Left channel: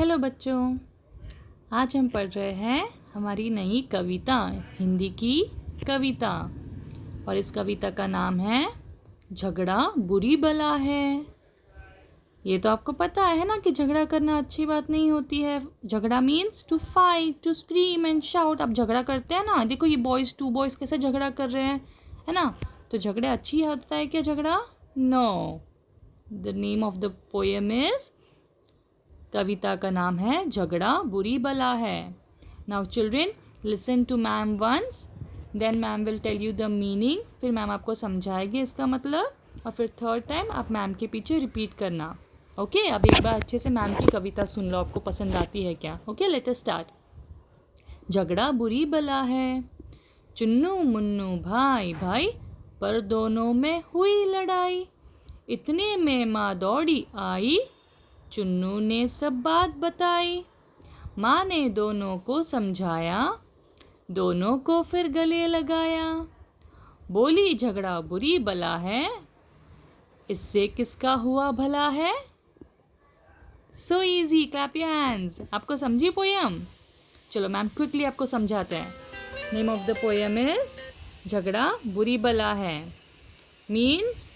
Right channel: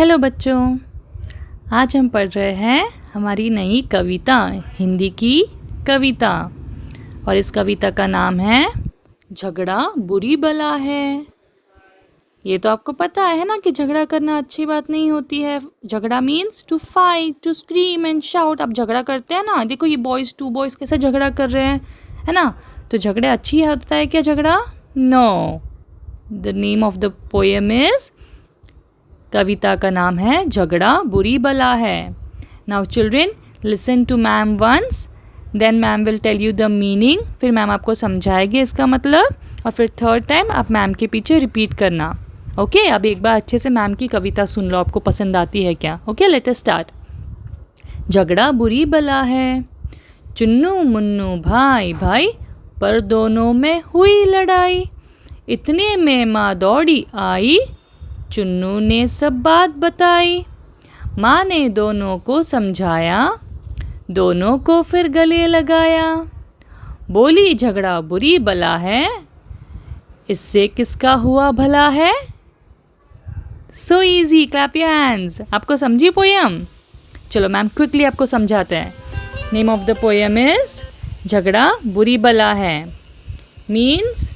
Hello बच्चों, आज हम पढ़ रहे हैं हमारी नई कविता, हिंदी की कविता। और इस कविता का नाम है झगड़ा बुरी बला है। ये तो आपको पता है ना कि झगड़ा करना अच्छी बात नहीं होती है। झगड़ा means to fight, to scream and shout. आप झगड़ा करते हैं ना, देखो ये टू बॉयज़ कैसे झगड़ा कर रहे हैं, है ना। तो झगड़े अच्छी होता है क्या झगड़ा? No. The name of the poem is, कविता का नाम है झगड़ा बुरी बला है। Now children, listen to ma'am once, then ma'am will tell you the meaning. फिर मैम आपको समझाएगी इसका मतलब, और फिर थर्ड टाइम आप मैम के पीछे रिपीट करना। ओके, अब एक बार अच्छे से मैम की कविता सुन लो, आपको पसंद आती है क्या? Okay, let us start. झगड़ा बुरी बला है, चुन्नू मुन्नू भाई भाई, पर दोनों में हुई लड़ाई। इतने में माँ दौड़ी आई, चुन्नू ने सब बात बताई। माँ ने दोनों को समझाया, दोनों को फिर गले लगाया। बोली झगड़ा बुरी बला है, इससे किसका हुआ भला है। So easy, clap your hands. आपको समझी पोयम? चलो मैम क्विकली आपको समझाते हैं। Name of the poem is झगड़ा बुरी बला है। मीन्स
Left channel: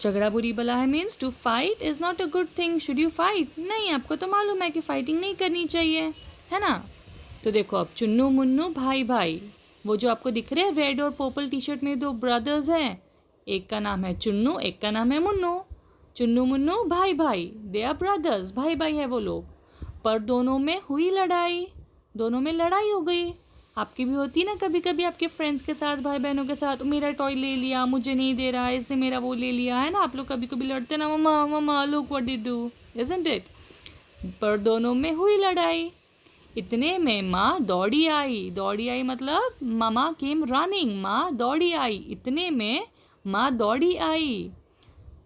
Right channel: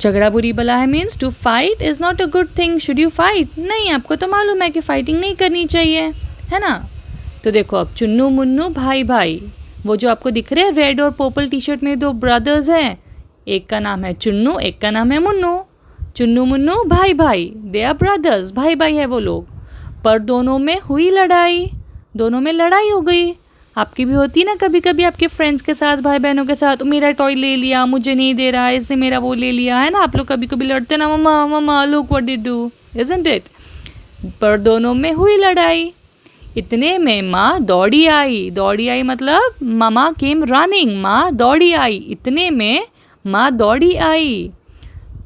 झगड़ा बुरी बला है means to fight is not a good thing. Should you fight? नहीं, आपको तो मालूम है कि फाइटिंग नहीं करनी चाहिए, है ना। तो देखो अब चुन्नू मुन्नू भाई भाई, वो जो आपको दिख रहे हैं रेड और पर्पल टी शर्ट में, दो ब्रदर्स हैं। एक का नाम है चुन्नू, एक का नाम है मुन्नू। चुन्नू मुन्नू भाई भाई, दे आर ब्रदर्स, भाई भाई है वो लोग। पर दोनों में हुई लड़ाई, दोनों में लड़ाई हो गई। आपकी भी होती है ना कभी कभी आपके फ्रेंड्स के साथ, भाई बहनों के साथ, मेरा टॉय ले लिया, मुझे नहीं दे रहा, इसने मेरा वो ले लिया, है ना। आप लोग कभी कभी लड़ते ना, मम्मा मम्मा look what did do, isn't it. पर दोनों में हुई लड़ाई। इतने में माँ दौड़ी आई, दौड़ी आई मतलब मामा केम रनिंग, माँ दौड़ी आई। इतने में माँ दौड़ी आई,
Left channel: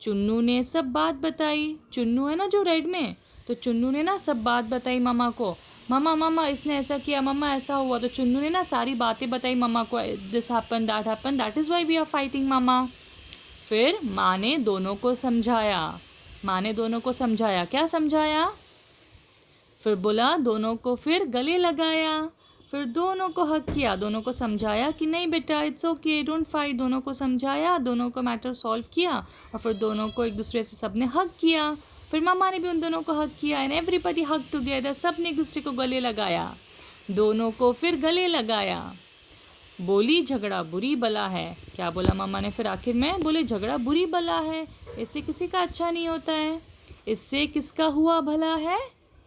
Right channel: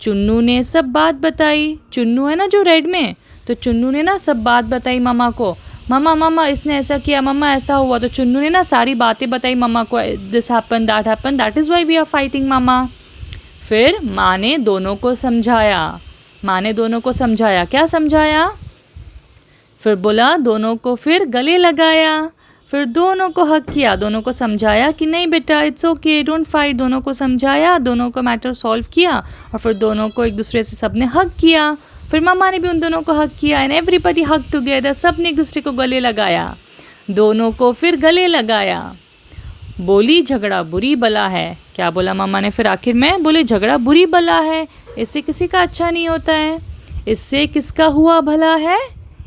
चुन्नू ने सब बात बताई। चुन्नू है ना जो रेड में, तो चुन्नू ने ना सब बात बताई मामा को। मामा मामा इसने ऐसा किया, मामा ऐसा हुआ। तो चुन्नू ने ना सारी बातें बताई मामा को, this happen, that is why we are fighting मामा। फिर माँ ने दोनों को समझाया, माँ ने दोनों को समझाया। क्या समझाया? फिर बोला दोनों को फिर गले लगाया। फिर दोनों को हक किया, दोनों को समझाया कि नहीं बेटा इट्स ओके, डोंट फाइट। दोनों को समझाया, दोनों को मैटर सॉल्व किया, और फिर दोनों को एक दूसरे से सबने हक किया। फिर मामा ने भी उन दोनों को हक किया, एंड एवरीबडी हक टुगेदर। सब ने एक दूसरे को गले लगाया, दोनों को फिर गले लगाया। बोली झगड़ा बुरी बला है। क्या बोला मामा ने फिर आखिर में? बोले झगड़ा बुरी बला है, इससे किसी का अच्छा नहीं होता है। इससे किसका हुआ भला है?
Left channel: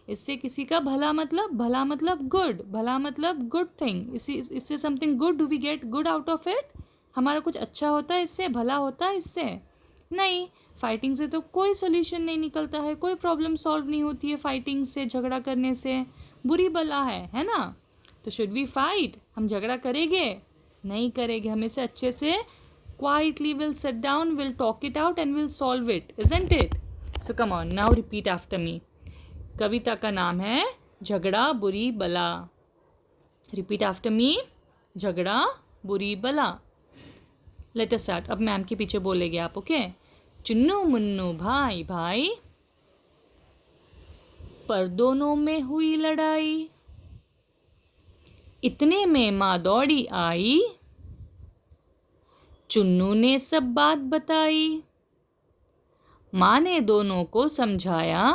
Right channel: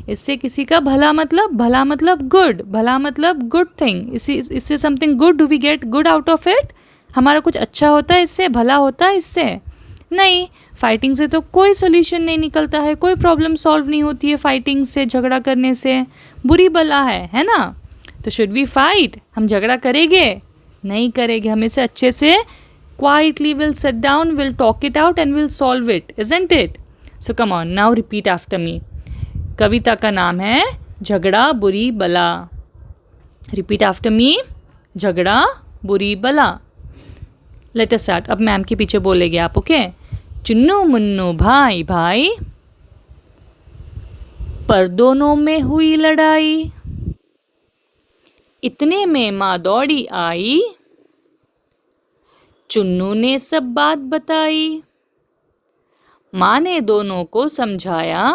इससे किसी का भला मतलब गुड, भला मतलब गुड थिंग। इससे something good, do we get good out of it? हमारा कुछ अच्छा होता है इससे, भला होता है इससे? नहीं। फाइटिंग से तो कोई सोल्यूशन नहीं निकलता है, कोई प्रॉब्लम सॉल्व नहीं होती है फाइटिंग से, झगड़ा करने से। बुरी बला है ना। तो शुड वी फाइट? हम झगड़ा करेंगे? नहीं करेंगे। हम इसे अच्छे से quietly will sit down, will talk it out and will solve it, isn't it? So come on, now repeat after me. कविता का नाम है झगड़ा बुरी बला। रिपीट आफ्टर मी, झगड़ा बुरी बला। Let us start. अब मैम के पीछे बोलेंगे आप, ओके। चुन्नू मुन्नू भाई भाई, पर दोनों में हुई लड़ाई। इतने में माँ दौड़ी आई, चुन्नू ने सब बात बताई। माँ ने दोनों को समझाया,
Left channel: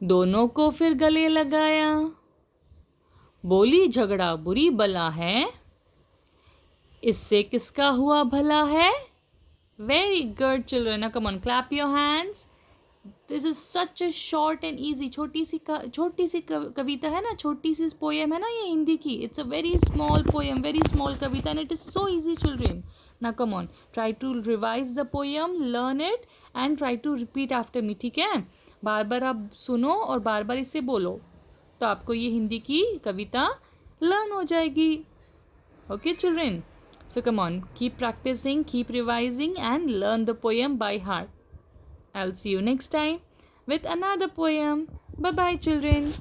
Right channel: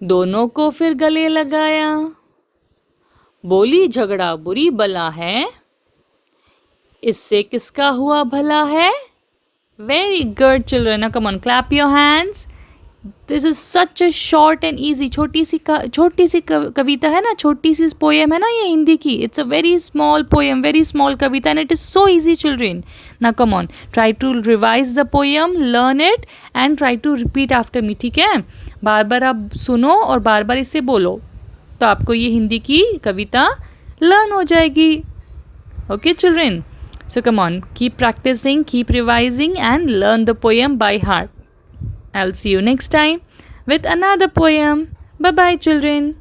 दोनों को फिर गले लगाया। बोली झगड़ा बुरी बला है, इससे किसका हुआ भला है। Very good children, now come on, clap your hands. This is such a short and easy, छोटी सी कविता है ना, छोटी सी पोएम है ना ये हिंदी की। It's a very small poem, very small kavita, and it is so easy children. Now come on, try to revise the poem, learn it and try to repeat after me, ठीक है। बार बार आप सुनो और बार बार इसे बोलो, तो आपको ये हिंदी की कविता लर्न हो जाएगी। Okay children, so come on, keep practicing, keep revising and learn the poem by heart. I'll see you next time with another poem. Bye bye children.